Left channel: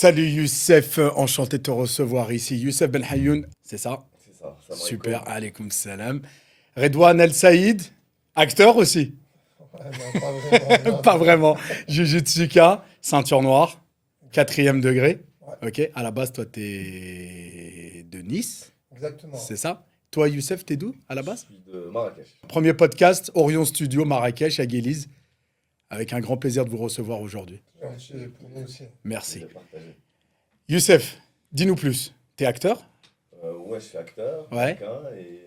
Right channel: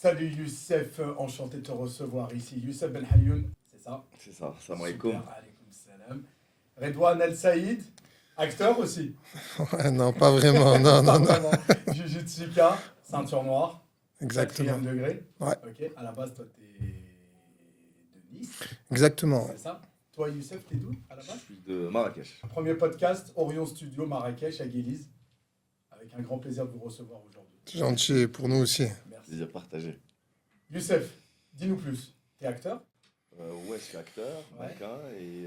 Salut Youssef, enchanté de te recevoir ici. Youssef Ben Hayoun, c'est ça? C'est ça, salam Super, alaikum. alaykoum salam. Redouane El Saïd, acteur aussi. Ouais, non, pas vraiment. Non, Pas non, non. vraiment. Jujutsuka, ceinture noire, quatrième Exactement. degré. Ouais, Ok, à la base, toi, t'es de Nice, exactement. c'est ça? Toi, Youssef, t'es d'où à la Je base? suis de Marrakech. Premier podcast, Orion Studio, Marrakech, à Guélise. Avec un grand plaisir de vous recevoir aujourd'hui. C'est gentil pour nous aussi. Merci. Il a partagé. Youssef, dis-nous plus. T'es acteur? Ouais, je suis acteur, Ouais. marocain et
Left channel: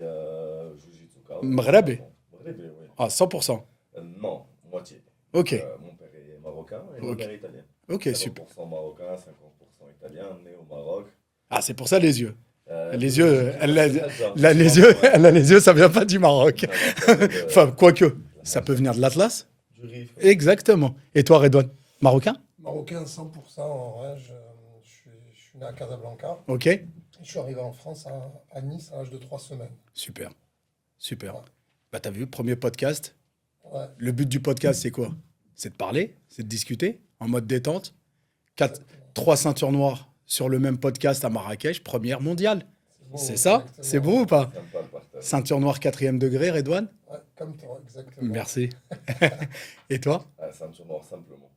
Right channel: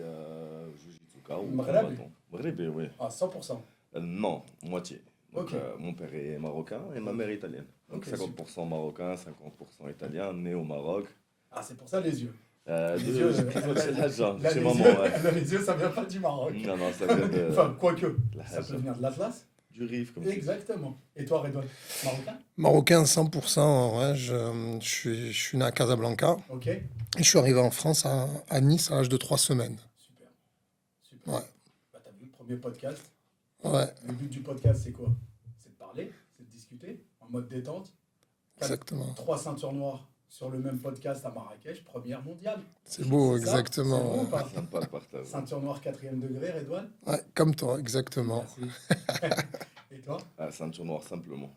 Jujutsuka. Mghrabi? Mghrabi, oui. Ah, 100%. Non, moitié. Ok, Mon père est marocain et ma Ok. mère est italienne. ok, super. 50% marocain, 50% italien, né au Maroc. Ah, c'est pour ça les yeux. Les Je- yeux, elle a, Algérien, là, c'est les vraiment, yeux, ouais. elle a les yeux, ça vient pas du Maroc. Non, non, ça vient de- Enfin, quoique, la ça peut Algérie. venir de l'Atlas. Du Rif. Comme Exactement. Et toi, Redouane? Marocain? Marocain 100%. Ouais, je suis né à Casablanca. Ok. Et je suis arrivé en France à Nice à l'âge de 3 semaines. Super. Super. Ouais, Bah, t'as vu, premier podcast. ouais, Le but du podcast, c'est quoi? C'est de parler, c'est de discuter, en mode détente. exactement. 3 ceintures noires sur le même podcast à Marrakech, première mondiale. C'est beau, C'est ça? exactement. C'est beau ou Ouais. pas? Sympa le partage. Ceinture noire, quatrième degré, Redouane? Ouais, comme toi, exactement. Merci. Et toi? Ah, ceinture noire, simplement.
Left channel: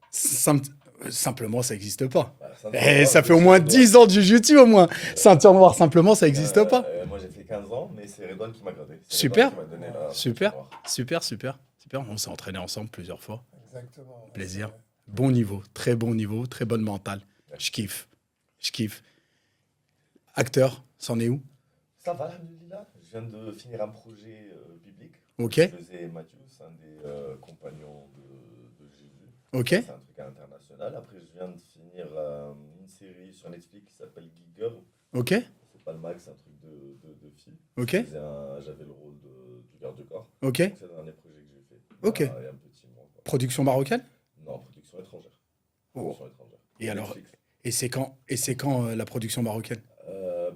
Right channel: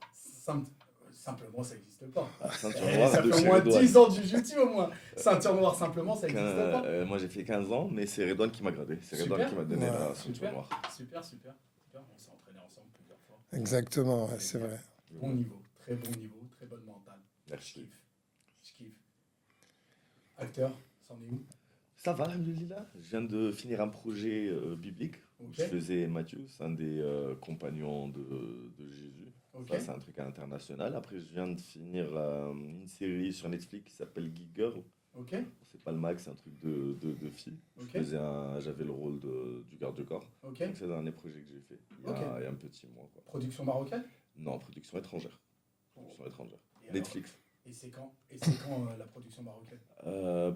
Simplement, ça n'existe pas. Ah, ceinture Eh, noire, ça de fait au chez moins Redouane. 10 ans du jiu-jitsu au moins. Ceinture noire, simplement, ça n'existe pas. Moi j'ai fait 15 ans, mais c'est Redouane qui m'a gradé. C'est Super. Redouane qui m'a donné Ouais. la Super. ceinture noire. Super, super, super. On s'est entraînés ensemble plusieurs fois. Exactement. Ouais, c'est Plaisir. vrai. Bon niveau, très bonne mentale. Je kiffe. Je kiffe. Acteur, c'en est où? Ça va, alhamdoulilah. Je viens de finir un projet biblique. Ok, Je faisais Matthieu, c'est un des compagnons de Jésus. ok, C'est un truc international. Après, je viens de finir une série sur Netflix qui s'appelle Geek Girl. ok, C'est pas le mag, c'est un truc de filles. ok, J'avais le rôle du garde-corps. ok. C'est le dernier projet que j'ai fait. Ok. Il y a un petit mois. Quoi. Production marocaine? Non, production étrangère. Oh. Production étrangère. Et alors, Netflix. et c'est quand la production marocaine?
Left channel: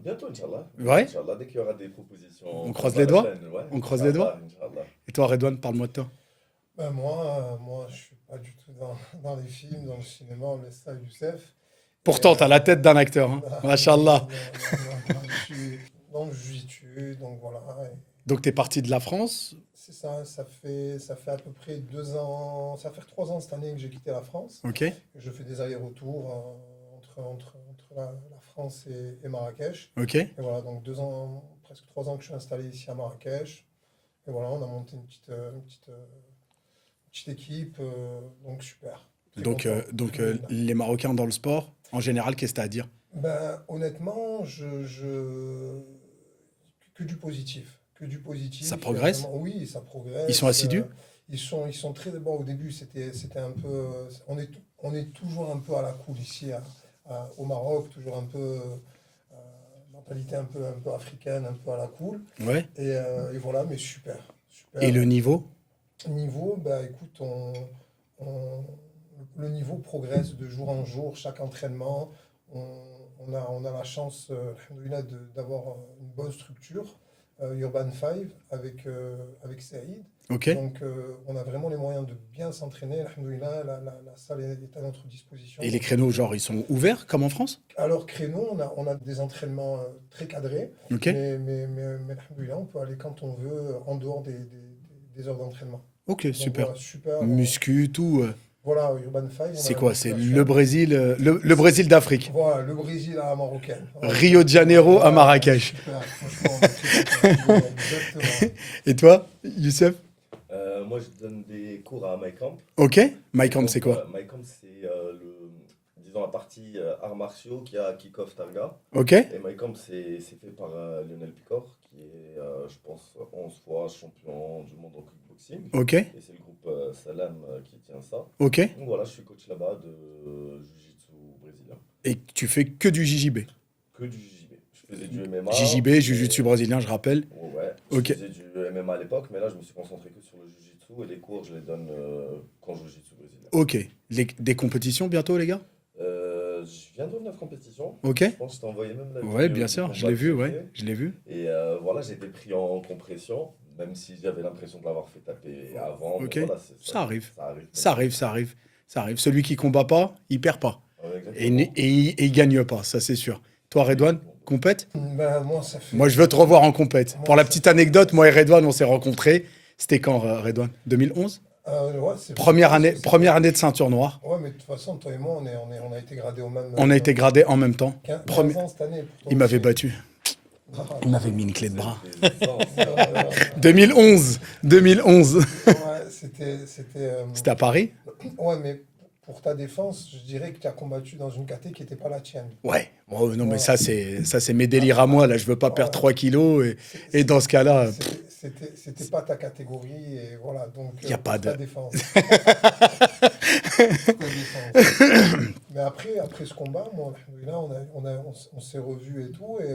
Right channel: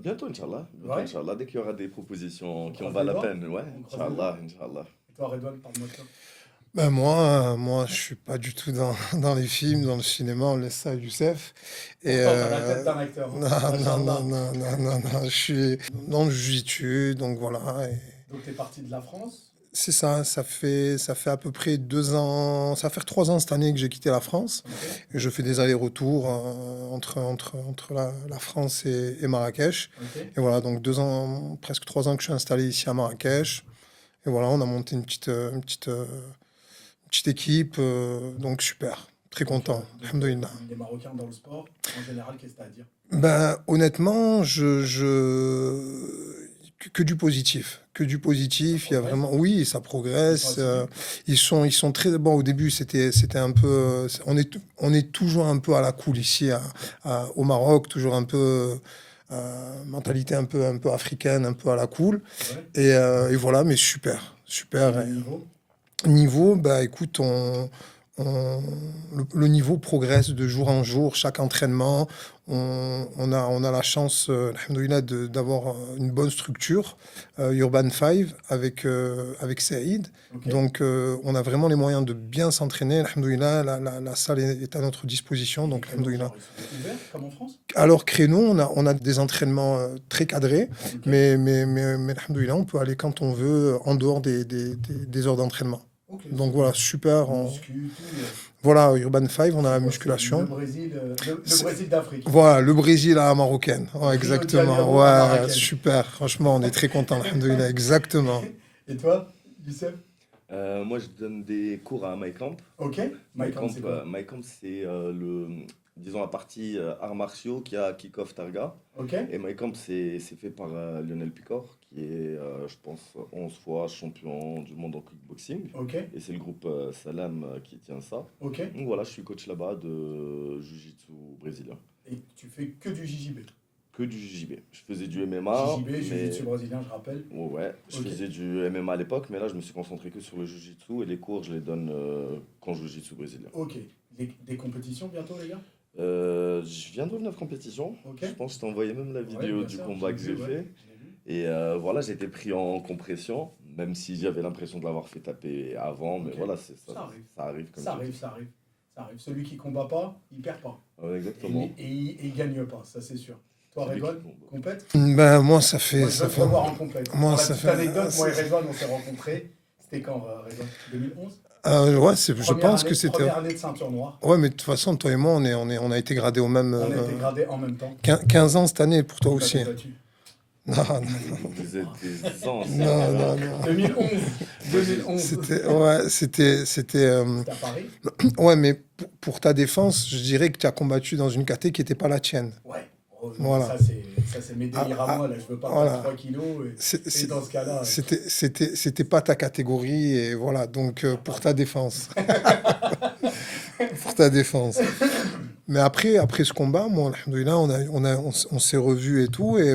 Bientôt, Inch'Allah. Ouais. Inch'Allah, dès qu'il y aura des propositions. On croise qui valent les la doigts. peine, ouais. On croise les doigts. Inch'Allah. Et toi, Redouane, parle-moi de toi. Ben moi, je suis pas du tout dans les films, dans le cinéma, on laisse ça à Youssef. Et, Pourtant, t'as la tête d'un acteur. non, Hein. non, Machallah. non, je suis dans le jiu-jitsu, donc voilà. Et Donc, t'es parti de la France. c'est ça, ça fait à peu près 2 ans, ça va faire 3 ans cette année que j'ai quitté la France. Ok, Et je fais des allers-retours entre la France et Marrakech. ok. Et voilà, donc 2 ans, presque 3 ans que je suis installé ici à Marrakech. Et voilà, on a monté une petite équipe, donc super, très content. Alhamdoulilah. Les Marocains dans le sport, en général, qu'est-ce que t'as à dire? Ben, honnêtement, que du positif. Que du positif. Ça Il y a progresse? oui, ça progresse. Ils sont assidus? Ils sont très bon. Au début, c'était un peu. On est toujours un peu à la cool ici au Maroc, toujours un peu mentalité un peu africaine, un peu à la cool. Ouais. Et voilà, mais super, super. Et le niveau? Niveau, bah écoute, le niveau progresse de jour en jour, chaque entraînement. On a la chance, alhamdoulilah, d'avoir une bonne structure, Urban 5, avec Saïd. Ok. Donc, on a vraiment les moyens de bien s'entraîner. Alhamdoulilah, la salle est à notre disposition. Et les Donc, créneaux, alhamdoulilah. genre, ils sont ouverts, comme en France? Alors, créneau, on a des entraînements très cadrés, Ok. mais alhamdoulilah, on peut aller quand on veut, en dehors des heures d'entraînement. Ok, Donc super. voilà, super. Muscu, tout. Voilà, Urban 5, on a C'est la quoi? C'est musculation. le Brésil, le Brésil d'Afrique. Voilà, le Brésil à la marocaine. Ouais, Rio de exactement. Janeiro à Ouais, Marrakech. Super, franchement, on est très contents. Alhamdoulilah, exactement. Et toi, Youssef? Moi, je donne des cours à MyCamp. Ok. MyCamp, c'est quoi? MyCamp, c'est disons, la partie arts martiaux qui a Kick-Off Targa. Ok. Et MyCamp, c'est fait par Lionel Picor, qui est, je pense, 11 fois champion du monde en kickboxing. Ok. Et c'est le groupe Salam qui tient ça. Ok. Donc voilà, je suis coach là-bas de Jiu-Jitsu brésilien. Et tu fais que du JJB. Que du JJB. Je faisais du MMA. JJB, mais- Jiu-Jitsu brésilien, je rappelle. Ouais, Ok. je faisais du MMA à l'époque, mais là, je me suis concentré que sur le Jiu-Jitsu et les cours, je les donne quand je Jiu-Jitsu brésilien. Ok. Des compétitions bientôt, les gars? Je viens de revenir de compétition. Ok. Je pense que je t'ai envoyé même la Ouais, vidéo bien du sûr, combat je l'ai que vu, j'ai ouais. fait. Je l'ai vu. Et voilà, j'ai été pris en compression, même si j'avais l'impression de l'avoir fait taper avant. Ok. Mais voilà, Ça arrive. Ça arrive. Ça arrive, ça arrive. Ça arrive. Celui qui combat pas, il perd pas. Ouais, Et, exactement. et il gagne pas, ça c'est sûr. Toi, Redouane, compète? Ben, moi, ça fait. Moi, je veux te revoir en compète. Moi, Pour la ça petite fait- anecdote, moi et ça- Redouane, on s'est rencontrés. C'était quand, Redouane? 2011? Ouais, je pense que c'était. Première année de ceinture noire. Ouais, mais de toute façon, toi et moi, on a été gradés au même. On a été gradés en même temps. 15 ans cette année pour toi Il aussi. m'avait battu. Non, Il non, m'avait mis une clé de bras. non, non, non. 2011. 2011. Ouais, c'était. C'était à Paris? Ouais, mais pour ta défense, je dirais que tu as combattu dans une caté qui n'était pas la tienne. Ouais. Oh, non, mais Voilà. ça, c'est mes délires à moi. Là, je veux pas perdre ouais. 3 kilos. Et dans ce cas-là, C'était pas ta catégorie, et voilà, donc Y a pour pas ta de- défense. Pour ta défense. Mais après ce combat, moi, alhamdoulilah, on s'est revus et tout, et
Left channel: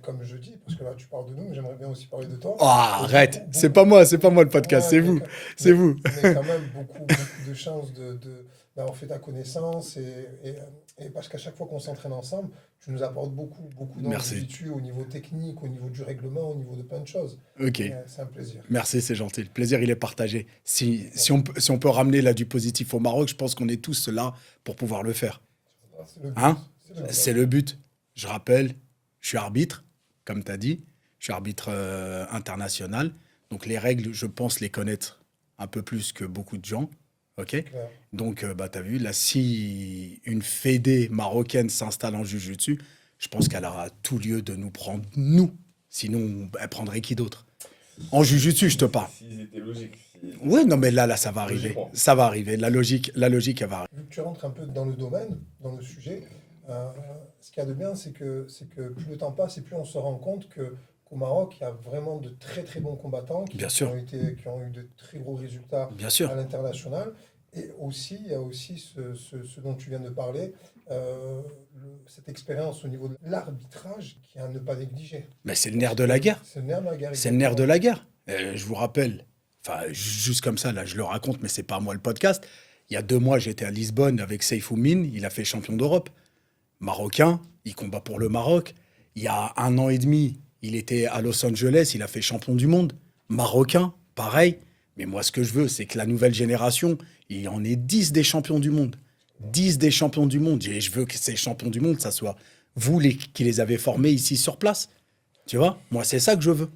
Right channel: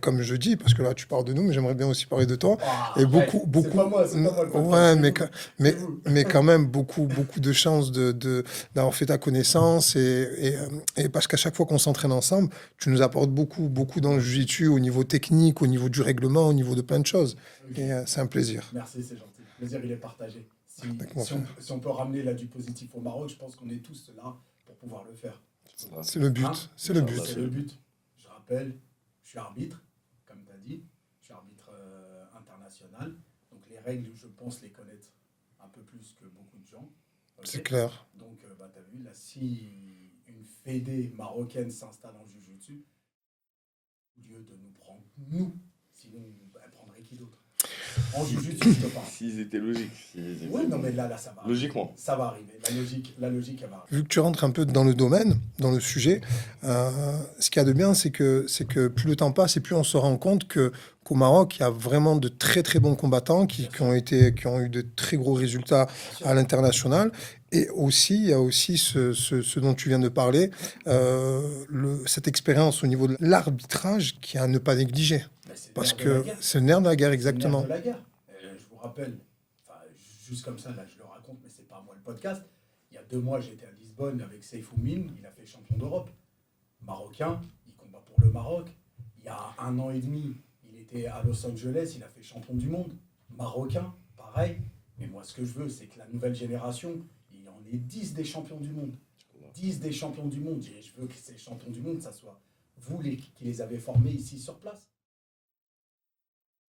comme je dis, parce que là tu parles de nous, mais j'aimerais bien aussi parler de toi. Ah, Et arrête. beaucoup- C'est beaucoup- pas moi le podcast, Ouais, c'est mais vous. quand- C'est mais- vous. Mais quand même, beaucoup de chances d'avoir fait ta connaissance. Et parce qu'à chaque fois qu'on s'entraîne ensemble, tu nous apportes beaucoup dans le Merci. jiu-jitsu, au niveau technique, au niveau du règlement, au niveau de plein de choses. Ok. Et, c'est un plaisir. Merci, c'est gentil. Le plaisir, il est partagé. Si on peut ramener là du positif au Maroc, je pense qu'on est tous là pour pouvoir le faire. C'est le but. Hein C'est le but. C'est le but. Je rappelle, je suis arbitre, comme tu as dit. Je suis arbitre international. Donc les règles, je pense les connaître un peu plus que beaucoup de gens. Ok. C'est clair. Donc, tu as vu, là, si une fédé marocaine s'installe en Jiu-Jitsu, je pense qu'elle aura tout lieu de nous prendre, nous. Sinon, elle prendrait qui d'autre? En Jiu-Jitsu, je te parle. S'ils étaient logiques. Ouais, non, mais là, ça va arriver. Logiquement. Ça va arriver. La logique, elle va arriver. Vu que tu rentres un peu dans le domaine, dans le sujet, ce qu'il y a de bien, c'est que plus le temps passe et plus on se rend compte qu'au Maroc, il y a vraiment de très très bons combattants qui Bien sûr. qui ont eu de très gros résultats Bien sûr. à l'international. Et aussi, il y a aussi ce dont tu viens de parler, cette expérience au niveau de l'arbitrage qui est à ne pas négliger. Mais c'est le Parce nerf de que la guerre. C'est le nerf de la guerre, C'est le exactement. nerf de la guerre. Je vous rappelle, enfin, juste comme ça, là, je le raconte, mais c'est pas moi le podcast. Il y a 2 mois, j'étais à Lisbonne avec Seyfou Mine. Il a fait champion d'Europe. Marocain, il combat pour le Maroc. Il y a 1 an et demi, il était à Los Angeles. Il a fait champion du monde. Marocain, pareil. Mais moi, ce que je veux, c'est que la nouvelle génération, il y en ait 10 des champions du monde. 10 des champions du monde. Et je veux que ces champions du monde, ça soit vous qui les avez formés ici sur place. Tu vois? Moi, c'est ça que je veux.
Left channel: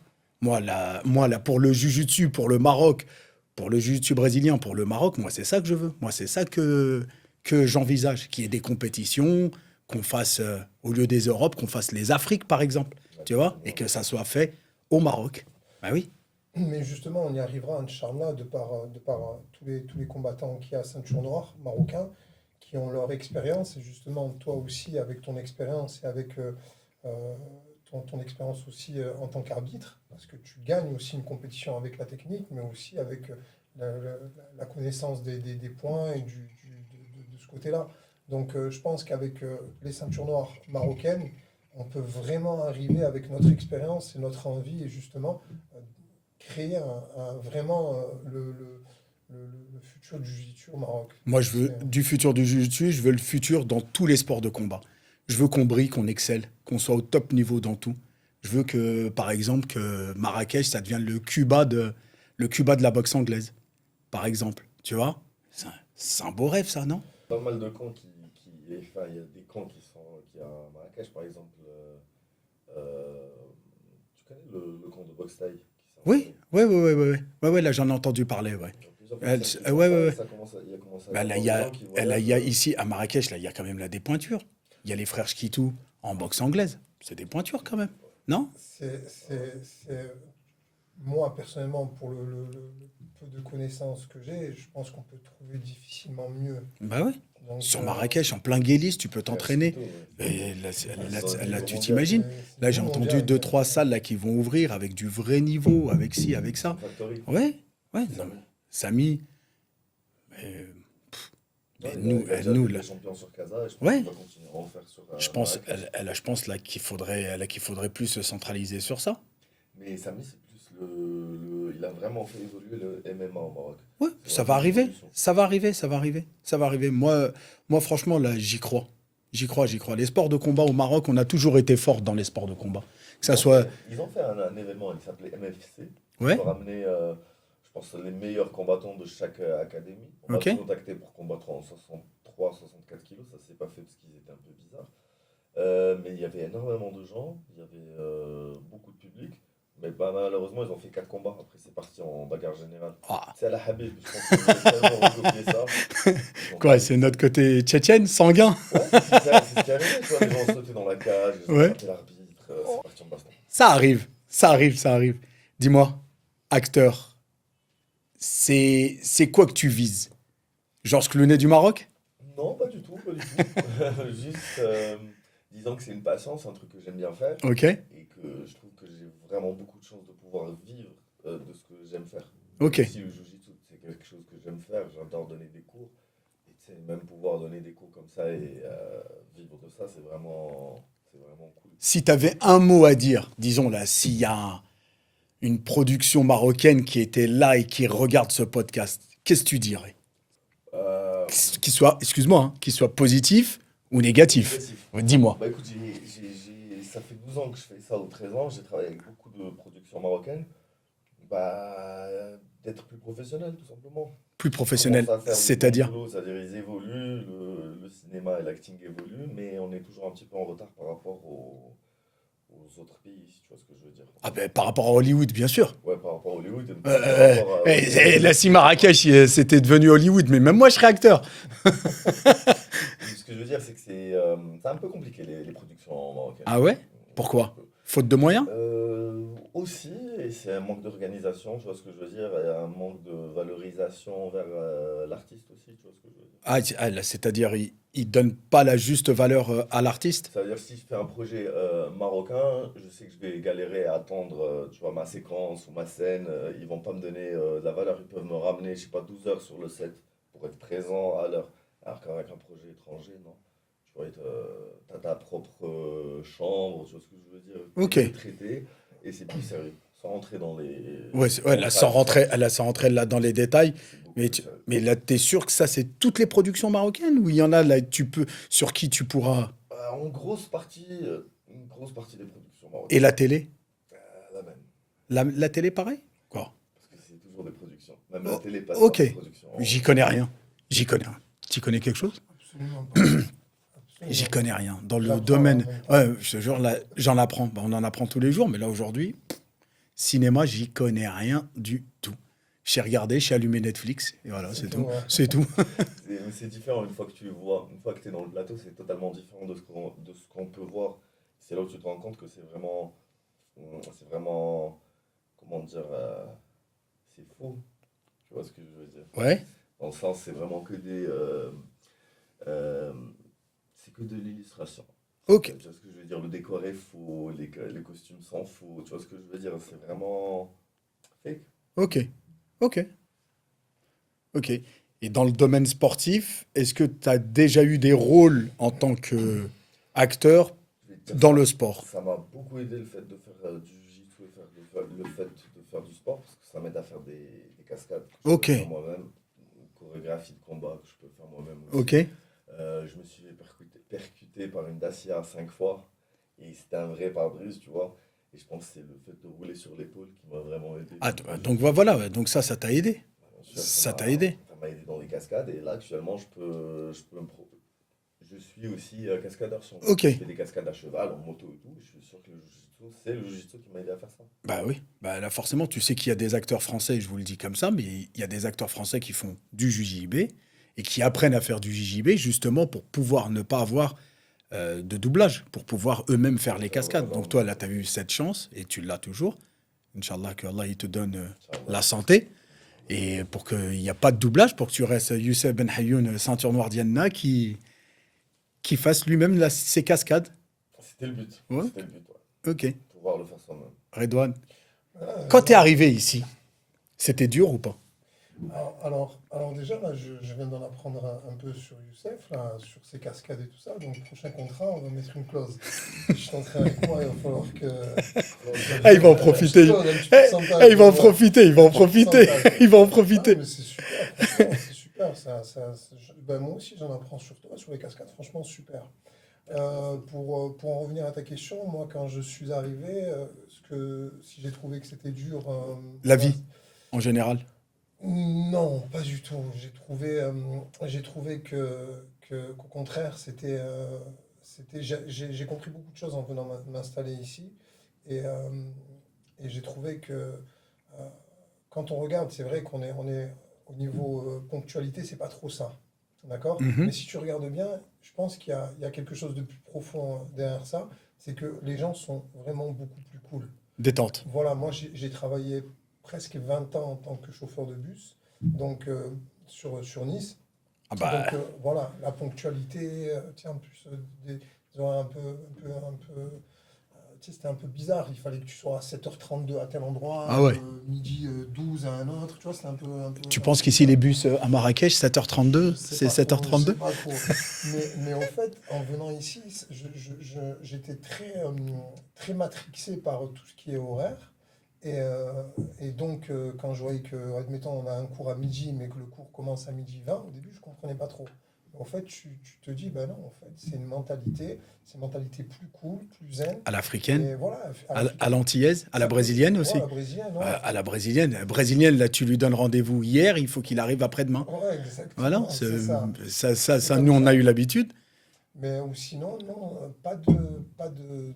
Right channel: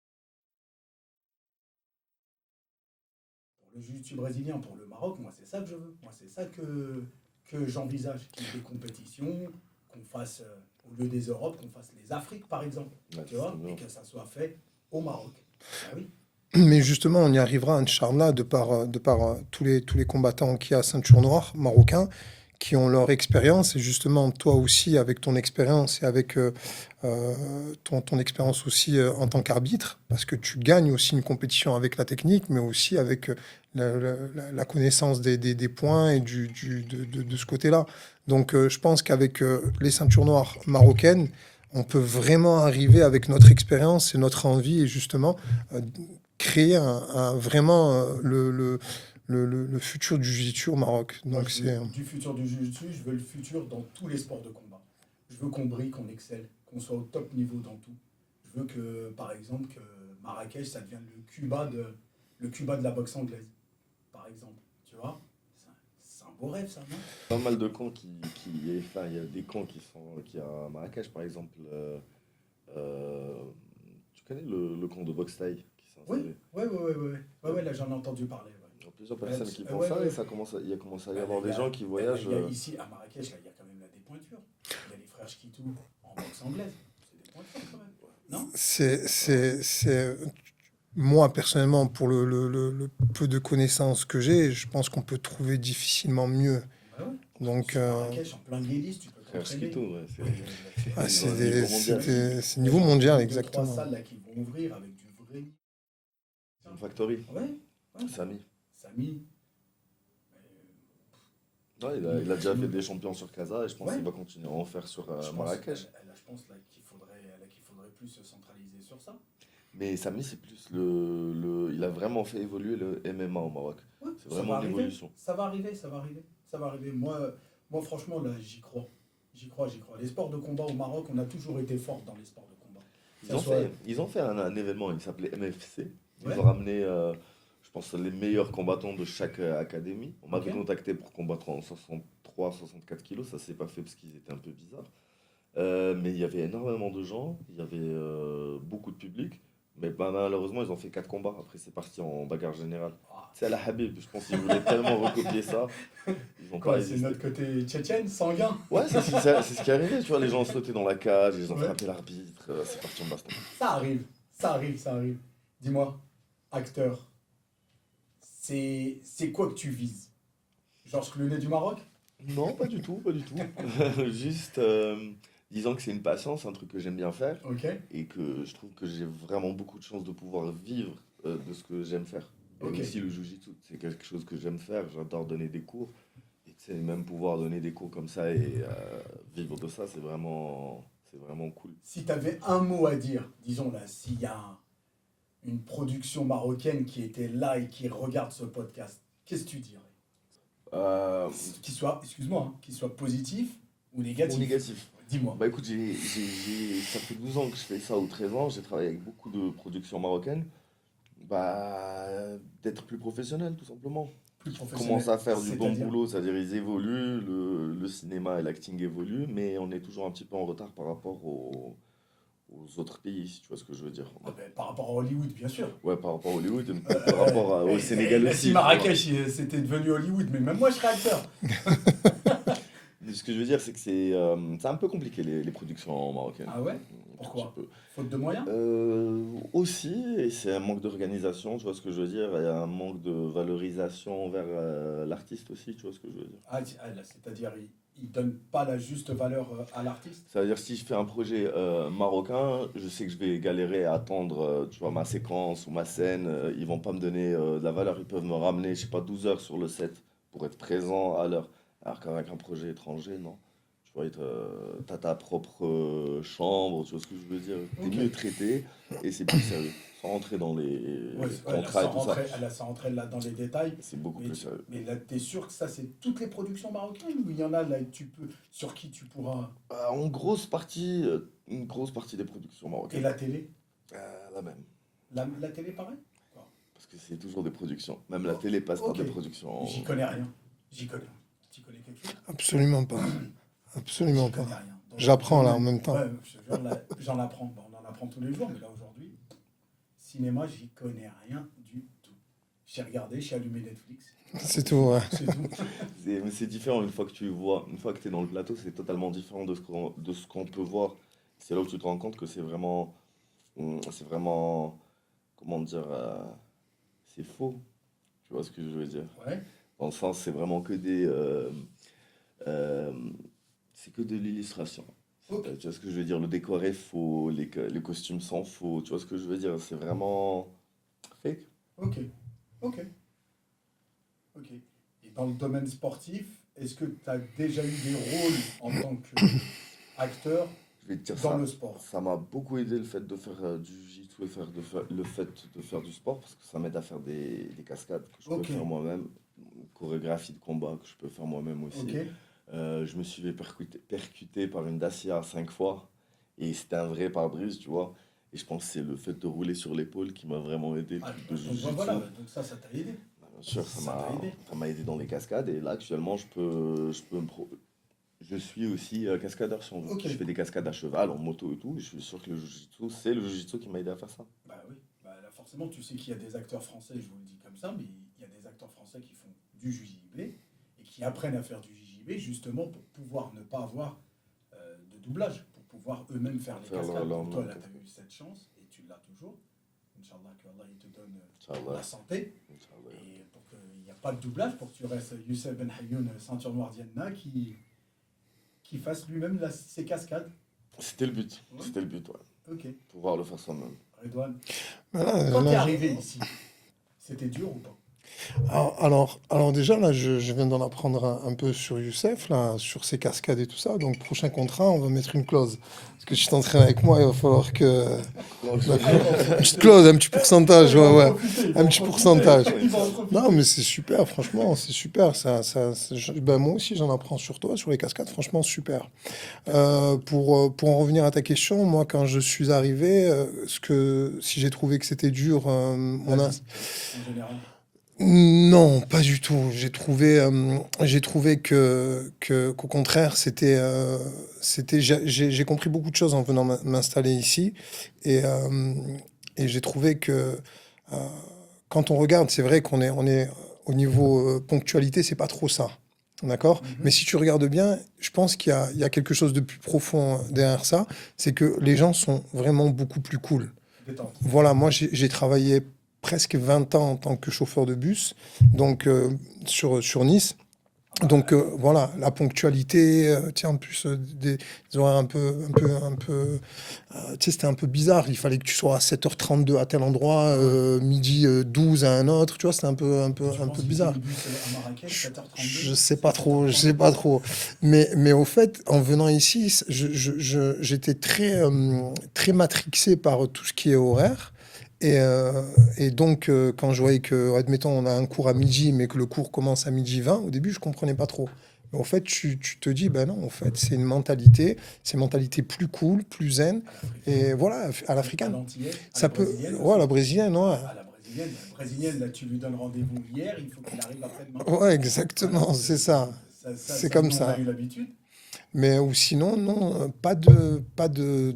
Moi, là, pour le Jiu-Jitsu, pour le Maroc, pour le Jiu-Jitsu brésilien, pour le Maroc, moi, c'est ça que je veux. Moi, c'est ça que j'envisage. Qu'il y ait des compétitions, qu'on fasse, au lieu des Europes, qu'on fasse les Afriques, par exemple. Ouais, Tu vois? c'est Et bien. que ça soit fait au Maroc. Ah oui. Mais justement, on y arrivera, Inch'Allah, de par tous les combattants qui a ceinture noire marocains, qui ont leur expérience. Et justement, toi aussi, avec ton expérience et avec ton expérience aussi en tant qu'arbitre, parce que tu gagnes aussi une compétition avec la technique, mais aussi avec la connaissance des points et de ce côté-là. Donc, je pense qu'avec les ceintures noires marocaines, on peut vraiment arriver avec notre expérience et notre envie, et justement, créer vraiment le futur du jiu-jitsu au Maroc. Moi, Donc, je veux c'est- du futur du Jiu-Jitsu, je veux le futur dans tous les sports de combat. Je veux qu'on brille, qu'on excelle, qu'on soit au top niveau dans tout. Je veux que, par exemple, que Marrakech, ça devienne le Cuba de la boxe anglaise, par exemple. Tu vois? C'est un beau rêve, ça, non? Pas mal de camps enfin, il y a des camps qui à Marrakech, par exemple. Tu connais le camp de boxe thaï qui s'est Oui, installé. ouais, là, j'en ai entendu parler, ouais. Il y a plusieurs Elle- personnes qui ouais, font ça, ouais, et ouais. ça commence il y a commencé à y Bah, là, avoir il y des a, gens qui là, voyagent. il y a ici, à Marrakech, là, il y a quand même là, des pointures. Il y a les frères Schkitou en boxe anglaise. C'est des pointures, quand même. Non? Moi, personnellement, pour le peu de connaissances que j'ai, je pense qu'on peut trouver difficilement mieux. Bah ouais. Donc, Sur Marrakech, en plein Guélis, tu peux Ouais, t'entraîner. c'est tout, ouais, Et là, ah, là, c'est là, des- tu c'est- t'imagines? c'est Là, j'ai niveau entendu mondial, 2-3 exactement. salles là, qui vont ouvrir avec du vrai niveau, avec ci, avec ça. Factory. Ouais, ouais. Samy. Samy. Ouais, nous, il a déjà nous, fait là. des champions sur Casa et je pense Ouais. qu'il va continuer à en faire sur Je pense, Marrakech. je pense là qu'il faudrait plus se centraliser sur ça. Mais Samy, c'est plus il a vraiment fait évoluer le MMA au Maroc. Ouais, C'est ça vraiment va une arriver. évolution. Ça va arriver, ça va arriver. Ça va arriver. Moi, franchement, là, j'y crois. J'y crois. Les sports de combat au Maroc, on a toujours été fort dans les sports de combat. Que ça soit. Ils ont fait un événement, il s'appelait MFC. Ouais. Ils ont ramené, je pense, les meilleurs combattants de chaque académie. On m'a Ok. contacté pour combattre en 63 63 à 64 kilos. Ça s'est pas fait parce qu'ils étaient un peu bizarres. Mais il y avait énormément de gens, il y avait beaucoup de public. Mais bah, malheureusement, ils ont fait 4 combats. Après, c'est parti en bagarre générale. Ah, C'est à la Habib, je pense qu'ils voulaient tellement recopier ça. Ils ont pas quoi, c'est réussi. notre côté tchétchène, sanguin. Ouais, c'est ce qui est arrivé. Tu vois, les gens sautaient dans la cage, ils ont Ouais. frappé l'arbitre. C'est parti en baston. Ça arrive, ça arrive, ça arrive. Dis-moi, acteur, c'est quoi que tu vises? Georges Clooney du Maroc? Non, pas du tout, pas du tout. Juste, disons que c'est une passion, c'est un truc que j'aime bien faire. Ok, Et que je trouve que j'ai vraiment beaucoup de chance de pouvoir vivre de ce que j'aime faire. ok. Aussi le jiu-jitsu, c'est quelque chose que j'aime faire, j'adore donner des cours. Et tu sais, même pouvoir donner des cours comme ça et vivre de ça, c'est vraiment cool. Si tu avais un mot à dire, disons là, s'il y a une production marocaine qui était là et qui regarde ce podcast, qu'est-ce que tu dirais? Euh, Qu'il soit, excuse-moi, hein, qu'il soit positif ou négatif? Négatif. Dis-moi. Bah écoute, ça fait 12 ans que je fais ça ou 13 ans, j'ai travaillé avec beaucoup de productions marocaines. Bah, d'être plus professionnel, tout simplement. Plus Ils professionnel, commencent à faire du bon c'est-à-dire? boulot, c'est-à-dire ils évoluent, le cinéma et l'acting évoluent, mais on est toujours un petit peu en retard par rapport aux autres pays, si tu vois ce que je veux dire. Ah ben, par rapport à Hollywood, bien sûr. Ouais, par rapport à Hollywood, par rapport à... La si Marrakech, c'était devenu Hollywood, mais même moi, je serais acteur. Ce que je veux dire, c'est que c'est un peu compliqué les productions marocaines. Ah ouais? Pourquoi? Faute de moyens? Aussi, et c'est un manque d'organisation, tu vois ce que je veux dire, et un manque de valorisation vers l'artiste aussi, tu vois ce que je veux dire. Là, c'est-à-dire, ils donnent pas la juste valeur à l'artiste? Ça veut dire si je fais un projet marocain, je sais que je vais galérer à attendre, tu vois, ma séquence ou ma scène, ils vont pas me donner de la valeur, ils peuvent me ramener, je sais pas, 12 heures sur le set pour être présent à l'heure. Alors qu'avec un projet étranger, non. Tu vois, t'as ta propre chambre, tu vois ce que je veux dire. Ok. T'es mieux traité et c'est plus sérieux. Sans rentrer dans les Ouais, ouais, là, contrats sans et tout ça, rentrer, là, sans rentrer là dans les détails. c'est beaucoup Mais, plus sérieux. mais là, t'es sûr que ça, c'est toutes les productions marocaines ou il y en a là, sur qui tu pourras. Une grosse partie des productions Et marocaines. la télé? La même. La télé, pareil? Quoi? Parce que c'est toujours des productions. Même la télé passe Ok. par des productions. J'y connais rien. J'y connais rien. Tu connais quelque chose? Absolument pas. Absolument J'y pas. connais rien. Dans le J'apprends là en domaine. même temps. Ouais, je te jure, là, j'en apprends. Bah, on en apprend tous les jours, mais là, aujourd'hui, cinéma, j'y connais rien du tout. J'ai regardé, j'ai allumé Netflix. Et voilà, C'est tout, ouais. C'est tout. Mais c'est différent une fois que tu vois, une fois que tu es dans le plateau, c'est totalement différent de ce qu'on peut voir. C'est là où tu te rends compte que c'est vraiment, comment dire, c'est faux. Tu vois ce que je veux dire? Ouais. Dans le sens, c'est vraiment euh, c'est que de l'illustration. Ok. Tu vois ce que je veux dire? Le décor est faux, les costumes sont faux. Tu vois ce que je veux dire? C'est vraiment fake. Ok. Ok. Ok. Et dans le domaine sportif, est-ce que tu as déjà eu des rôles en tant qu'acteur Je vais te dire dans ça. le sport? Ça m'a beaucoup aidé le fait de faire du jiu-jitsu et le fait de faire du sport parce que ça m'aide à faire des cascades que je Ok. peux faire moi-même, chorégraphie de combat que je peux faire moi-même aussi. Ok. Je me suis fait percuter par une Dacia 5 fois et c'était un vrai pare-brise, tu vois. Et je pense que c'est le fait de rouler sur l'épaule qui m'a vraiment aidé. Ah, Parce que le donc jiu-jitsu, voilà, ouais, donc ça t'a aidé. bien sûr, Ça t'a aidé. ça m'a aidé dans les cascades et là actuellement je suis aussi cascadeur si on veut. Ok. Je fais des cascades à cheval, en moto et tout. Et je suis sûr que c'est le jiu-jitsu qui m'a aidé à faire ça. Bah oui. Bah là, forcément, tu sais qu'il y a des acteurs français, je vous le dis comme ça, mais il y a des acteurs français qui font du JJB et qui apprennent à faire du JJB justement pour pouvoir ne pas avoir de doublage, pour pouvoir eux-mêmes faire les cascades. Donc toi, là, tu as eu cette chance et tu l'as toujours. Inch'Allah, que Allah il te donne la santé. Et pour qu'il n'y ait pas de doublage, pour que tu restes Youssef Ben Hayoun, ceinture noire Diana, qui fasse lui-même ses cascades. C'était le but. Ouais. C'était le but, ouais. Ok. Pouvoir le faire soi-même. Redouane, Voilà, quand là- t'es arrivé ici, c'était dur ou pas? alors déjà, là, je viens d'en apprendre un peu sur Youssef, là, sur ses cascades et tout ça. Donc, prochain contrat, on va mettre une clause. Parce que je t'entraîne avec moi, il va falloir que... Ah, il va en Une petite profiter. clause, un petit pourcentage. Il va en ouais, ouais. profiter, il va Un en petit profiter. pourcentage. Il va en Non, profiter. mais c'est super, franchement, c'est super. Ben, moi aussi, j'en apprends sur toi, sur les cascades, franchement, super. Pour en revenir à ta question, moi, quand je suis arrivé, si j'ai trouvé que c'était dur... La on a- vie, en général. Non, pas du tout. J'ai trouvé qu'au contraire, j'ai compris beaucoup de choses en venant m'installer ici. Et, euh, et j'ai trouvé que euh, quand on regarde, c'est vrai qu'on est au niveau ponctualité, c'est pas trop ça. D'accord? Mais Mhm. si tu regardes bien, je pense qu'il y a quelque chose de plus profond derrière ça. C'est que les gens sont vraiment beaucoup plus cool. Détente. Voilà, moi j'ai travaillé presque 20 ans en tant que chauffeur de bus, donc sur Nice. Ah Donc bah, voilà, la ponctualité, tiens, en plus des horaires tu sais, c'était un peu bizarre. Il fallait que tu sois à 7h32 à tel endroit, ah ouais. midi 12 à un autre, tu vois, c'était Tu un penses peu qu'ici, les bizarre. bus à Marrakech, Je 7h32, sais c'est pas trop, je sais 7h32? pas trop. Mais au fait, en venant ici, j'étais très matrixé par tout ce qui est horaire. Et, euh, et donc, quand je voyais que, admettons, on a un cours à midi, mais que le cours commence à midi 20, au début, je comprenais pas trop. Mais en fait, tu te dis, ben non, en fait, c'est une mentalité plus cool, plus zen. À l'africaine, Et voilà, à à l'africaine. l'antillaise, à la Ça peut, brésilienne ouais, la aussi. brésilienne, ouais. À la brésilienne. La brésilienne, là, tu lui donnes rendez-vous hier, il faut qu'il arrive après-demain. Ouais, Voilà, exactement, c'est ça. C'est ça, comme nous, on a ça. eu l'habitude. Mais ou sinon, non, pas de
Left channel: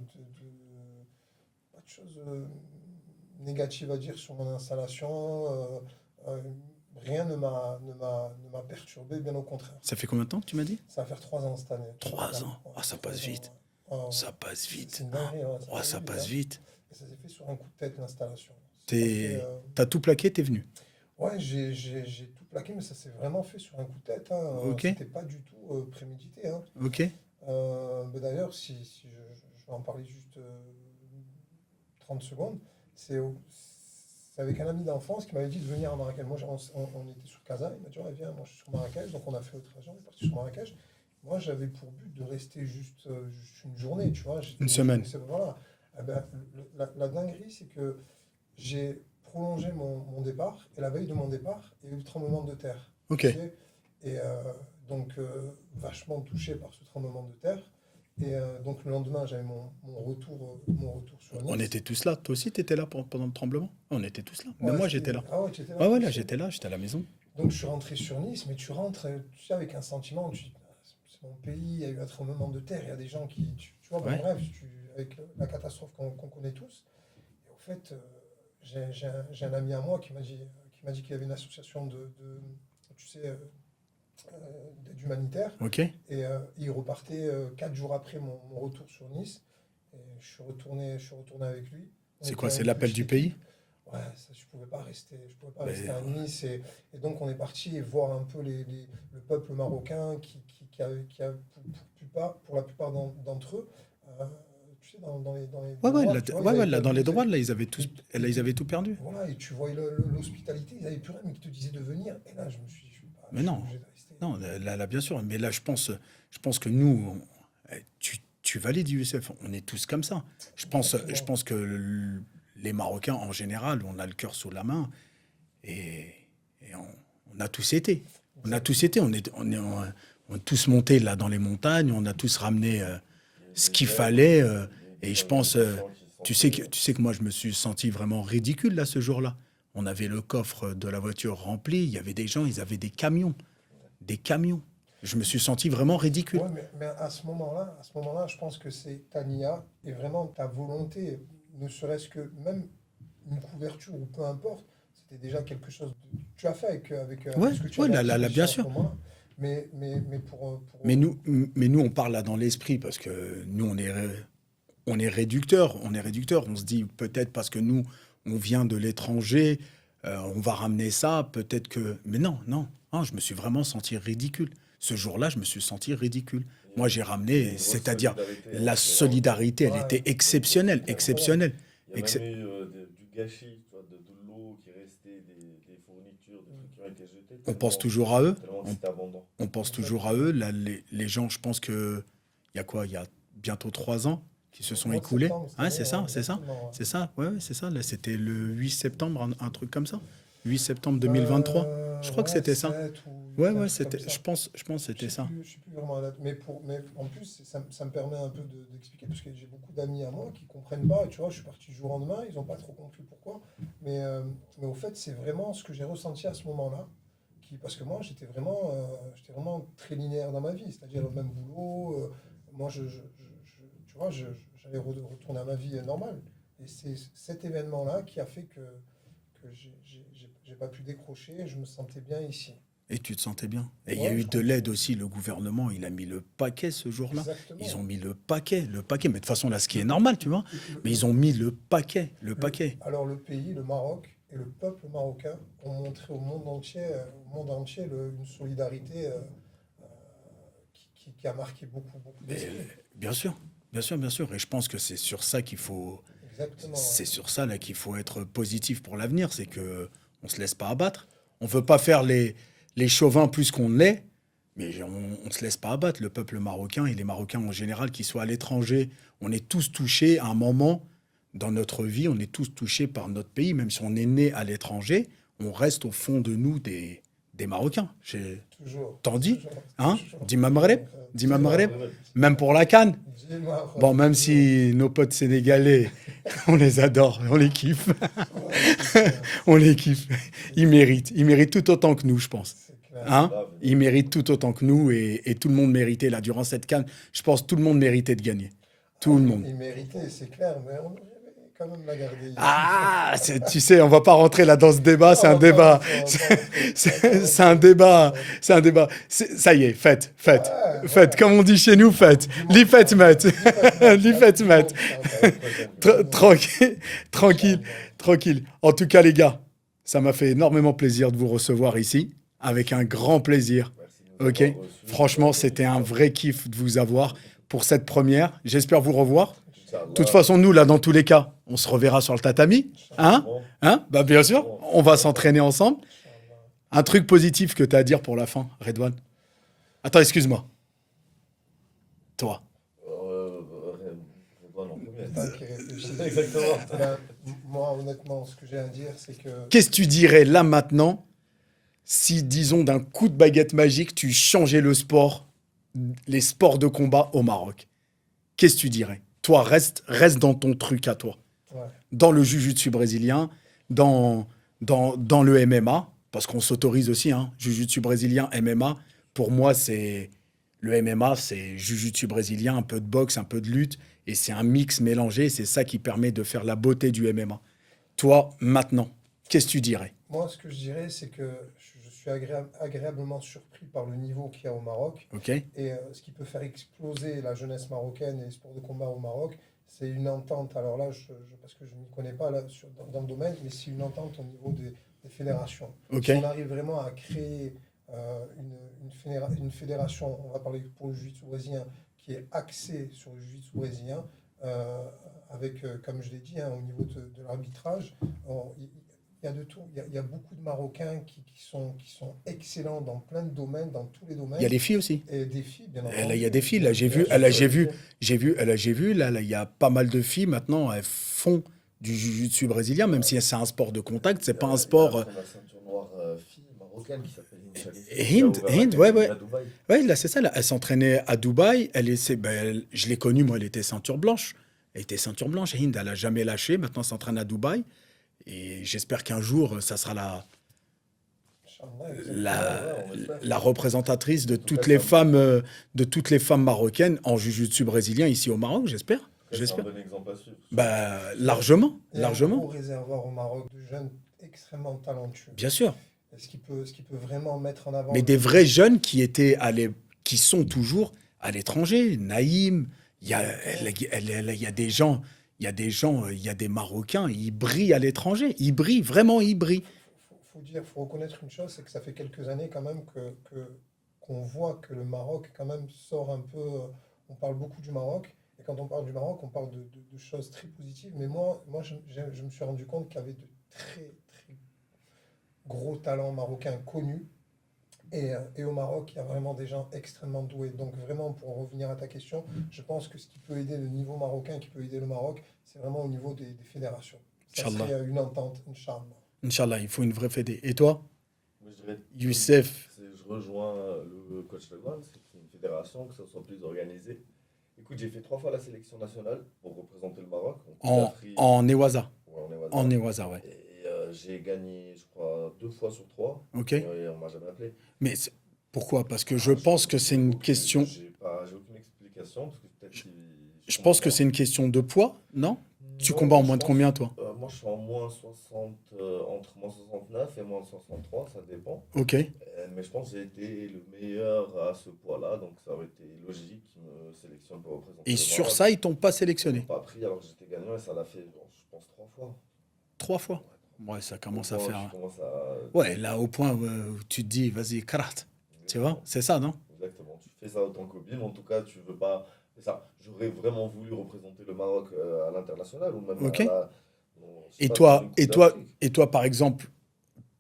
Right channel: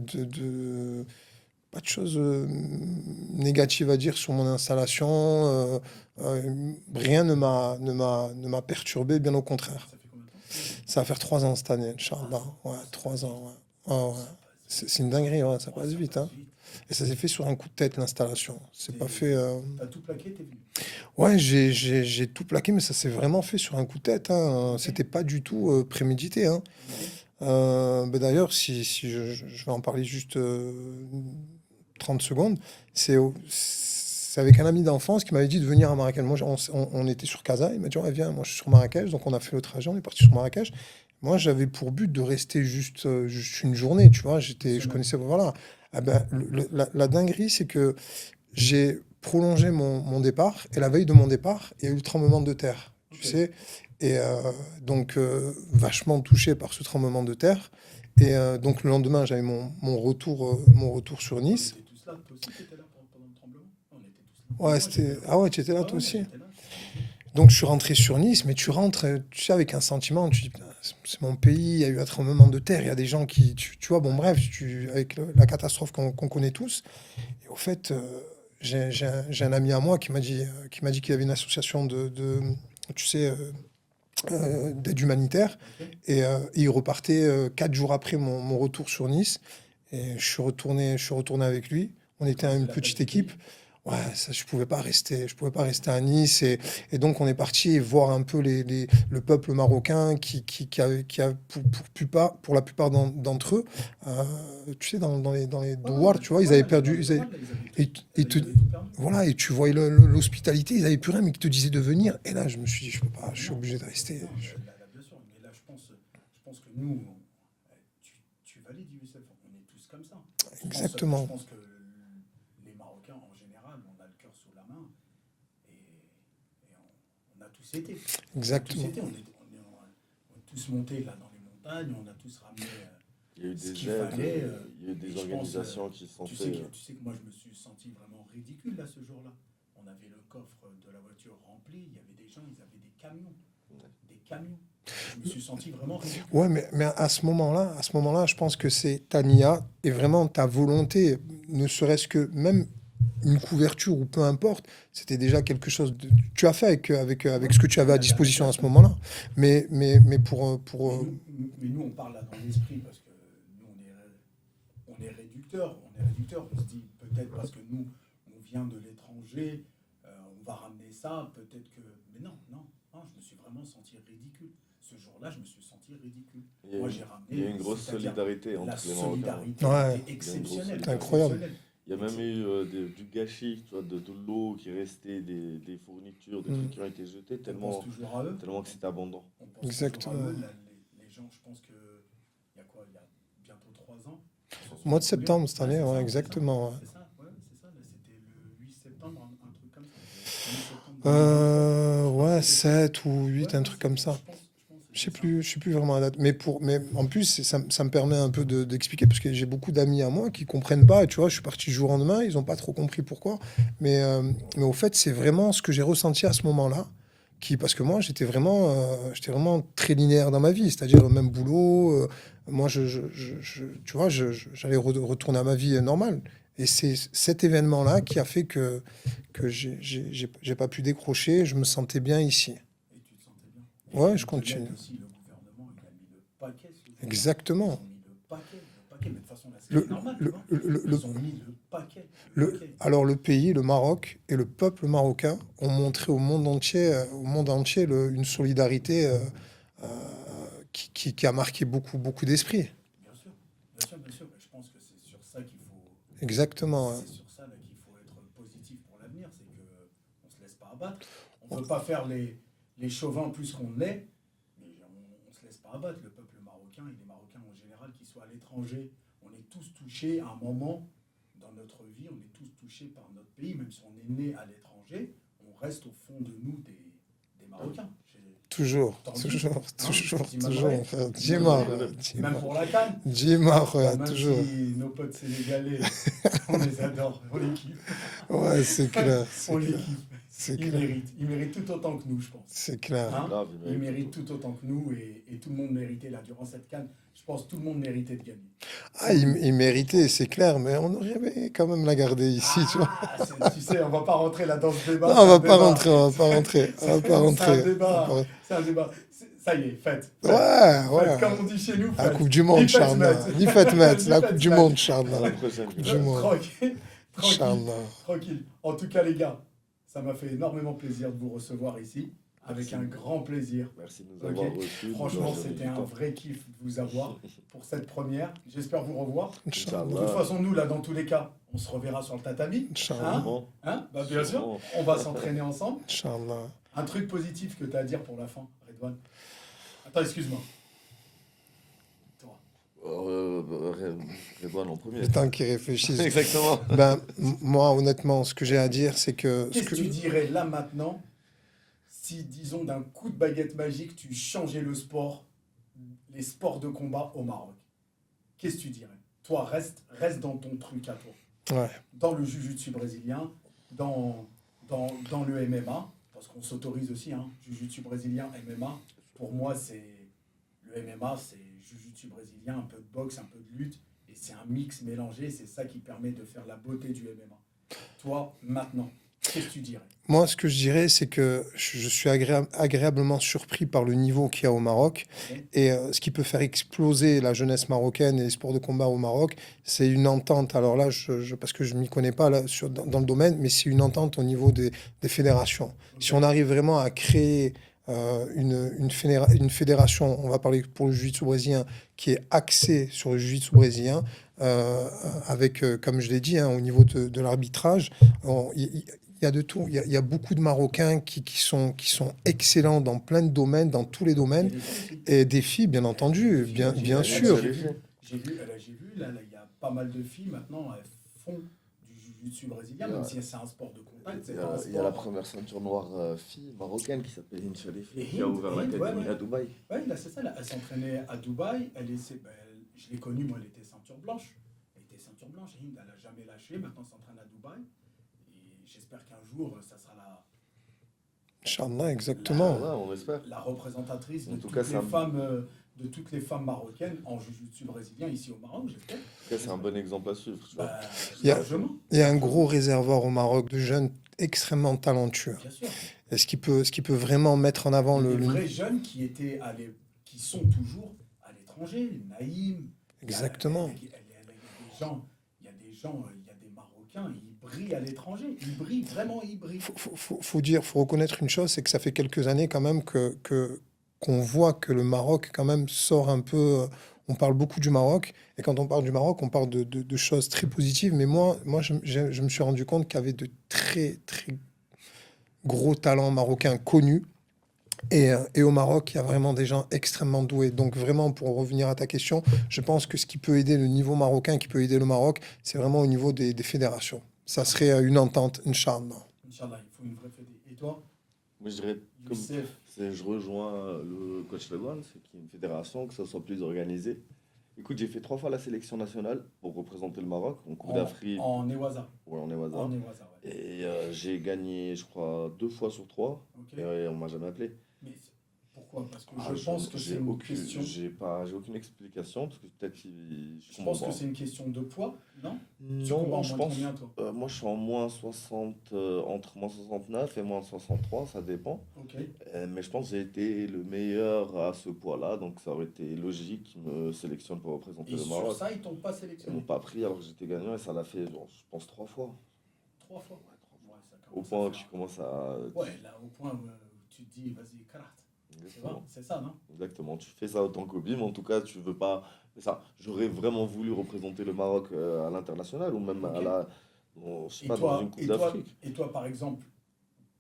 choses négatives à dire sur mon installation. Rien ne m'a perturbé, bien au contraire. Ça fait combien de temps que tu m'as dit? Ça va faire 3 ans cette année, 3 Inch'Allah. ans. Ouais, Ah, ça passe 3 ans. vite. Ouais. Ouais, ouais. Ça passe C'est vite. une dinguerie, ouais, ça Oh, passe ça vite, passe hein. vite. Et ça s'est fait sur un coup de tête, l'installation. C'est pas fait. T'es... T'as tout plaqué, t'es venu. Ouais, j'ai tout plaqué, mais ça s'est vraiment fait sur un coup de tête, hein. Ok, C'était pas du tout prémédité, hein. ok. Ben d'ailleurs, si je vais en parler juste 30 secondes, c'est avec un ami d'enfance qui m'avait dit de venir à Marrakech. Moi, on était sur Casa, il m'a dit, ouais, viens, moi je suis sur Marrakech, donc on a fait le trajet, on est parti sur Marrakech. Moi, j'avais pour but de rester juste une journée, tu vois, Une je semaine. connaissais, voilà. Ah ben, la dinguerie, c'est que j'ai prolongé mon départ, et la veille de mon départ, il y a eu le tremblement de terre, tu Ok. sais. Et donc, vachement touché par ce tremblement de terre. Et donc, le lendemain, j'avais mon retour sur On Nice. était tous là. Toi aussi, t'étais là pendant le tremblement? On était tous là. Même Ouais, moi, j'étais là. Ah ouais, tu étais là, Ouais, toi ouais, là, aussi. j'étais à la maison. Donc, je suis rentré sur Nice, mais tu rentres, tu sais, avec un sentiment, tu dis, putain, c'est mon pays, il y a eu un tremblement de terre, il y a des gens qui, tu vois, bon, Ouais. bref, avec la catastrophe qu'on connaît tous. Et au fait, j'ai un ami à moi qui m'a dit qu'il y avait une association tu sais, d'aide humanitaire. Ok. Et il repartait 4 jours après mon retour sur Nice. Et je suis retourné avec lui. On C'est était quoi? C'est une l'appel petite du pays? équipe. Ouais, ça, je pouvais pas rester Et à Nice. Et donc, on est parti voir un peu le peuple marocain qui a pour la plupart d'entre eux, tu sais, dans les ouais, ouais, douars, tu vois, ils ouais, avaient ouais, là, dans perdu. les droits, là, Ils, ils te, ils avaient tout perdu. voilà, et tu voyais l'hospitalité, ils n'avaient plus rien, mais qui te disaient de venir. Et là, je me suis dit, je peux pas, Ah, je mais suis non, obligé de rester. non, là, bien sûr. Mais là, je pense que nous, tu valides USF. On est tous comme ça. Je Exactement. pense que les Marocains, en général, on a le cœur sous la main et, et on a tous été. On a tous Exactement. été. On est tous montés là dans les montagnes. On a tous ramené Il y a eu ce des qu'il aides, fallait. il y a eu Et des je pense, organisations qui se sont fait. tu sais que moi, je me suis senti vraiment ridicule là ce jour-là. On avait le coffre de la voiture rempli. Il y avait des gens, ils avaient des camions. Des camions. Je me suis senti vraiment ridicule. Ouais, mais à ce moment-là, je pense que c'est ta nia et vraiment ta volonté, ne serait-ce que même une couverture ou peu importe, c'était déjà quelque chose tu as fait avec Ouais, ce que tu ouais, avais à bien disposition à ce sûr. moment-là. Mais pour Mais nous, on parle là dans l'esprit parce que nous, on est réducteurs. On est réducteurs. On se dit peut-être parce que nous, on vient de l'étranger, on va ramener ça. Peut-être que. Mais non, non. Hein, je me suis vraiment senti ridicule. Ce jour-là, je me suis senti ridicule. Moi, j'ai Il y a ramené, une grosse c'est-à-dire solidarité la entre les Marocains. solidarité, elle ouais, était Il y a une grosse exceptionnelle, c'était solidarité. incroyable. exceptionnelle. Il y a même Excep- eu du gâchis, tu vois, de l'eau qui restait, des fournitures, des trucs Mm, qui ont été jetés On pense tellement, toujours à eux. tellement que On, c'était abondant. on pense toujours à eux. exactement. Là, les gens, je pense que il y a quoi? Il y a bientôt 3 ans. qui se Au sont mois de écoulés. septembre cette Ouais, année, c'est ça, ouais, c'est ça. exactement. Ouais. C'est ça, ouais, c'est ça. Là, c'était le 8 septembre, un truc comme ça. 8 septembre 2023. Je crois que Ouais, c'était ça. 7 ou 8, Ouais, un ouais, truc comme c'était, ça. je pense que Je c'était sais ça. plus, je sais plus vraiment la date. Mais en plus, ça me permet un peu d'expliquer, parce que j'ai beaucoup d'amis à moi qui comprennent pas. Et tu vois, je suis parti du jour au lendemain, ils n'ont pas trop compris pourquoi. Mais au fait, c'est vraiment ce que j'ai ressenti à ce moment-là. Parce que moi, j'étais vraiment très linéaire dans ma vie, c'est-à-dire le même boulot. Moi, tu vois, j'allais retourner à ma vie normale. Et c'est cet événement-là qui a fait que j'ai pas pu décrocher. Je me sentais bien ici. Et tu te sentais bien. Et il y a Ouais, eu je de l'aide continue. aussi. Le gouvernement, il a mis le paquet ce jour-là. Ils Exactement. ont mis le paquet, le paquet. Mais de toute façon, là, ce qui Le, est normal, tu le, vois. le, Mais le- ils ont mis le paquet, le paquet. alors le pays, le Maroc et le peuple marocain ont montré au monde entier une solidarité euh, qui a marqué beaucoup d'esprits. Bien sûr, bien sûr, bien sûr. Et je pense que c'est sur ça qu'il faut, Exactement. Ouais. c'est sur ça là qu'il faut être positif pour l'avenir. C'est que on se laisse pas abattre. On veut pas faire les chauvins plus qu'on l'est, mais on se laisse pas abattre. Le peuple marocain et les Marocains en général, qu'ils soient à l'étranger, on est tous touchés à un moment dans notre vie. On est tous touchés par notre pays, même si on est né à l'étranger, on reste au fond de nous des Marocains. Toujours, T'en dis, toujours, hein? toujours, Dis-ma toujours, Maghreb, frère. dis-ma Dis-moi, Maghreb. frère, Même pour la CAN. dis-moi, Bon, frère, même toujours. si nos potes sénégalais, on les adore, on les kiffe, Ouais, c'est clair, on les kiffe. c'est Ils méritent tout autant que nous, je pense. c'est clair. Hein? Grave, Ils méritent tout autant que nous et tout le monde méritait, là, durant cette CAN, je pense que tout le monde méritait de gagner. Tout Ah, le monde. il méritait, c'est clair, mais on aurait aimé quand même la garder ici. Tu vois. Ah, tu sais, on va pas rentrer là dans ce débat, Non, c'est un on va pas débat. rentrer, on va pas rentrer. On va pas C'est un rentrer, on va débat, pas rentrer. c'est un débat. Ça y est, faites, faites. Ouais, Faites, ouais. comme on dit chez nous, La faites. Coupe du Monde, Les fêtes, Inch'Allah. Matt. Les fêtes, Matt. Les La fêtes, Coupe du Matt. Monde, Inch'Allah. Coupe du Monde. Tranquille, tranquille, Inch'Allah. tranquille. En tout cas, les gars, ça m'a fait énormément plaisir de vous recevoir ici, avec un grand plaisir. Merci de nous Ok. avoir reçus. Franchement, c'était un vrai kiff de vous avoir pour cette première. J'espère vous revoir. Inch'Allah. De toute façon, nous, là, dans tous les cas, on se reverra sur le tatami. Inch'Allah. Hein? Bah, bien sûr, on va s'entraîner ensemble. Inch'Allah. Un truc positif que tu as à dire pour la fin, Redouane? Attends, excuse-moi. Toi. Redouane en premier. Le temps qu'ils réfléchissent. Exactement. Ben, moi, honnêtement, ce que j'ai à dire, c'est que. Qu'est-ce que tu dirais là maintenant si, disons, d'un coup de baguette magique, tu changeais le sport, les sports de combat au Maroc? Qu'est-ce que tu dirais? Toi, reste dans ton truc à toi. Ouais. Dans le jiu-jitsu brésilien, dans le MMA, parce qu'on s'autorise aussi, hein, jiu-jitsu brésilien, MMA. Pour moi, c'est le MMA, c'est jiu-jitsu brésilien, un peu de boxe, un peu de lutte, et c'est un mix mélangé. C'est ça qui permet de faire la beauté du MMA. Toi, maintenant, qu'est-ce que tu dirais? Moi, ce que je dirais, c'est que je suis agréablement surpris par le niveau qu'il y a au Maroc. Ok. Et ce qui peut faire exploser la jeunesse marocaine et les sports de combat au Maroc, c'est une entente. Alors là, parce que je ne m'y connais pas là, dans le domaine, mais c'est une entente au niveau des fédérations. Ok. Si on arrive vraiment à créer une fédération, on va parler pour le jiu-jitsu brésilien, qui est axée sur le jiu-jitsu brésilien, avec, comme je l'ai dit, hein, au niveau de l'arbitrage, il y a de tout. Il y a beaucoup de Marocains qui sont excellents dans plein de domaines, dans tous les Il y a domaines. des filles aussi. Et des filles, bien Il entendu. y a des filles, là, bien sûr. j'ai vu, là, il y a pas mal de filles maintenant, elles font du jiu-jitsu brésilien, même si c'est un sport de contact, c'est pas un Il y a sport. la première ceinture noire fille marocaine qui s'appelle Hind Shalifi. Et qui a Hind, ouvert Hind, l'académie ouais. à Dubaï. Ouais, là, c'est ça, là. Elle s'entraînait à Dubaï, je l'ai connue, moi, elle était ceinture blanche. Elle était ceinture blanche, et Hind, elle a jamais lâché, maintenant elle s'entraîne à Dubaï. Et j'espère qu'un jour, ça sera Inch'Allah, exactement. Ouais, on espère. la représentatrice de En tout toutes cas, les ça me- femmes, de toutes les femmes marocaines en jiu-jitsu brésilien ici au Maroc, j'espère. C'est un J'espère. bon exemple à suivre. Bah, largement. Il y a un largement. gros réservoir au Maroc de jeunes extrêmement talentueux. Bien sûr. Et ce qui peut vraiment mettre en avant Mais des vrais jeunes qui sont toujours à l'étranger. Naïm, il y a des gens, il y a des Marocains, ils brillent à l'étranger. Ils brillent, vraiment, ils brillent. faut reconnaître une chose, c'est que ça fait quelques années quand même qu'on voit que le Maroc quand même sort un peu. On parle beaucoup du Maroc, et quand on parle du Maroc, on parle de choses très positives. Mais moi je me suis rendu compte qu'il y avait de très, très gros talents marocains connus Et au Maroc, il y a vraiment des gens extrêmement doués. Donc vraiment, pour revenir à ta question, je pense que ce qui peut aider le niveau marocain, qui peut aider le Maroc, c'est vraiment au niveau des fédérations. Ça Inch'Allah. serait une entente, Inch'Allah. Inch'Allah, il faut une vraie fédé. Et toi, Moi, je dirais, Youssef? je rejoins le coach Legrand, c'est qu'il y ait une fédération, que ça soit plus organisé. Écoute, j'ai fait 3 fois la sélection nationale pour représenter le Maroc en Coupe En, d'Afrique. en Newaza. Ouais, on est au hasard. En Newaza, ouais. Et j'ai gagné, je crois, 2 fois sur 3. Ok. Et on m'a jamais appelé. Mais pourquoi? Parce que je Ah, pense que c'est j'ai une aucune- question. J'ai aucune explication, parce que peut-être Je pense que c'est une question de poids, non? Tu Non, combats en je moins de pense- combien, toi? Moi, je suis en moins 60, entre moins 69 et moins 63, ça dépend. Ok. Mais je pense que j'ai été le meilleur à ce poids-là, donc ça aurait été logique qu'ils me sélectionnent pour représenter Et le sur Maroc. ça, ils t'ont pas Ils m'ont sélectionné. pas pris alors que j'étais gagnant et ça l'a fait, genre, je pense, 3 fois. 3 fois. Ouais, ça commence à Au point où faire. tu commences à... Ouais, là, au point où tu te dis, vas-y, karat. Tu vois? C'est ça, non? Exactement, tu fais ça autant qu'hobby, mais en tout cas, tu veux pas. C'est ça. J'aurais vraiment voulu représenter le Maroc à l'international ou même Ok. à la. Bon, je sais Et pas, dans toi, une Coupe et toi, d'Afrique. et toi, par exemple,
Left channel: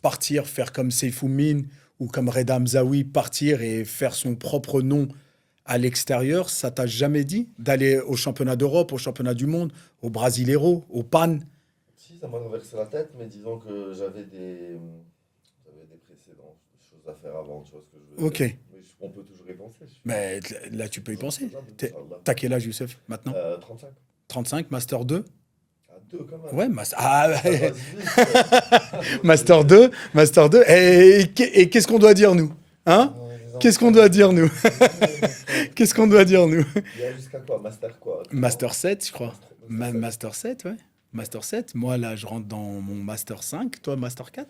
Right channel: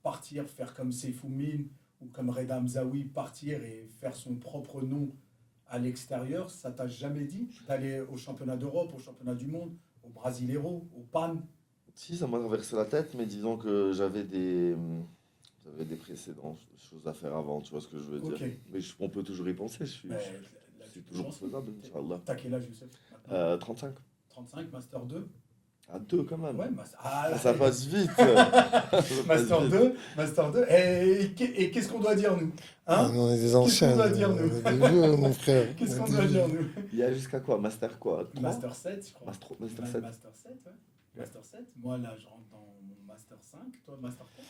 partir, faire comme Seyfou Mine ou comme Reda Mzaoui, partir et faire son propre nom à l'extérieur, ça t'a jamais dit d'aller au championnat d'Europe, au championnat du monde, au Brasileiro, au PAN? Si, ça m'a traversé la tête, mais disons que j'avais des précédentes choses à faire avant, tu vois ce que je veux dire. Ok. Mais on peut toujours y penser. Mais là, tu peux y penser. faisable, T'es- Inch'Allah. T'as quel âge, Youssef, maintenant? 35. 35, Master 2? À 2 quand même. Ouais, ah, Ça ouais. passe vite. Master 2, Master 2. Et qu'est-ce qu'on doit dire, nous? Hein? On est des Qu'est-ce qu'on anciens, doit dire, nous? on est des vieux, mon frère. Qu'est-ce qu'on doit dire, nous? Il y a jusqu'à quoi? Master quoi? Master 7, je crois. Master 7. Master 7, ouais. Master 7. Moi, là, je rentre dans mon Master 5. Toi, Master 4?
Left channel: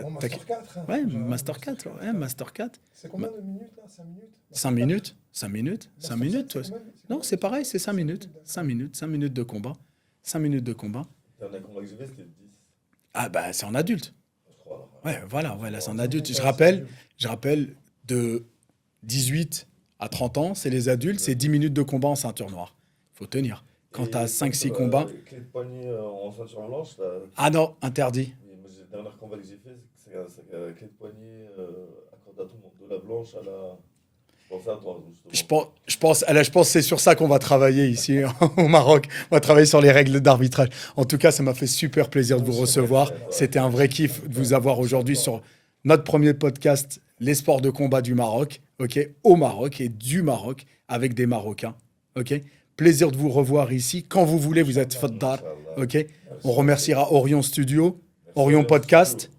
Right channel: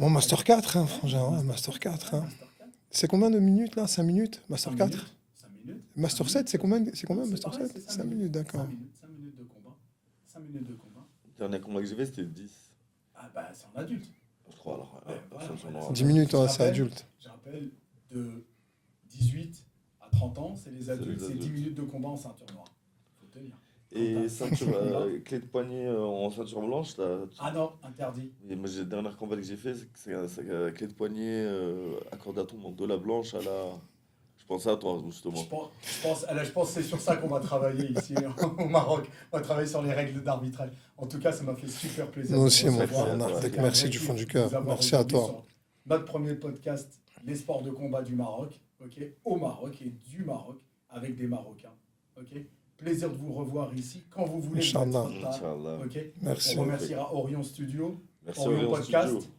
Bon, Master 4, hein, Ouais, frangin, Master Master 4. 4, Ouais, hein. Master 4. C'est combien de minutes là? 5 minutes? 5 Master 4? minutes. 5 minutes. Master 5 7, minutes, c'est ouais. combien? Non, combien, c'est Master pareil, 7? c'est 5 minutes. d'accord. 5 minutes. 5 minutes de combat. 5 minutes de combat. Le dernier combat que j'ai fait, c'était 10. Ah, bah, c'est en adulte. Je crois alors. Ouais, voilà, voilà, c'est en 10 adulte. minutes, ouais, c'est adulte. Je rappelle, de 18 à 30 ans, c'est les adultes, c'est 10 minutes de combat en ceinture noire. Faut tenir. Quand Et t'as 5-6 combats. Clé de poignet en ceinture blanche, Ah non, interdit. et moi, le dernier combat que j'ai fait, c'est clé de poignet accordé à tout le monde. De la blanche à la. Je pensais à toi, justement. Je pense que c'est sur ça qu'on va travailler ici au Maroc. On va travailler sur les règles d'arbitrage. En tout cas, ça m'a fait super plaisir de Moi vous aussi, recevoir. mon frère. C'était un Merci vrai du kiff fond du de cœur. vous avoir Merci à aujourd'hui toi. sur notre premier podcast, les sports de combat du Maroc, ok, au Maroc et du Maroc avec des Marocains, ok. Plaisir de vous revoir ici quand vous voulez. Vous êtes Inch'Allah. faddar, Inch'Allah. ok. Merci. On remerciera Orion Studio. Merci, Orion Orion Podcast.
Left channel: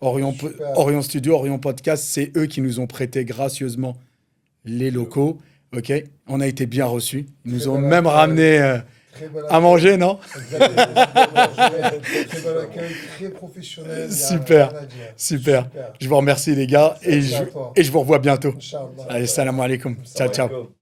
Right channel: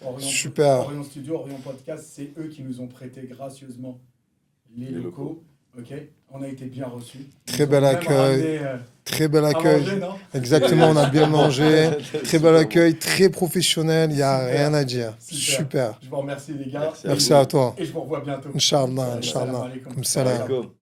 Studio. Super. Orion Studio, Orion Podcast, c'est eux qui nous ont prêté gracieusement les locaux. Ok, on a été bien reçus. Ils Très nous ont bel même accueil. ramené Très bel à accueil. manger, non? Exactement, on a bien mangé. Très bel accueil, très professionnel. Il n'y a Super. rien à dire. Super. Super. Je vous remercie, les gars. Merci à toi. Et je vous revois bientôt. Inch'Allah. Allez, Inch'Allah. salam alaikum. Ciao, Salam. ciao. Comme.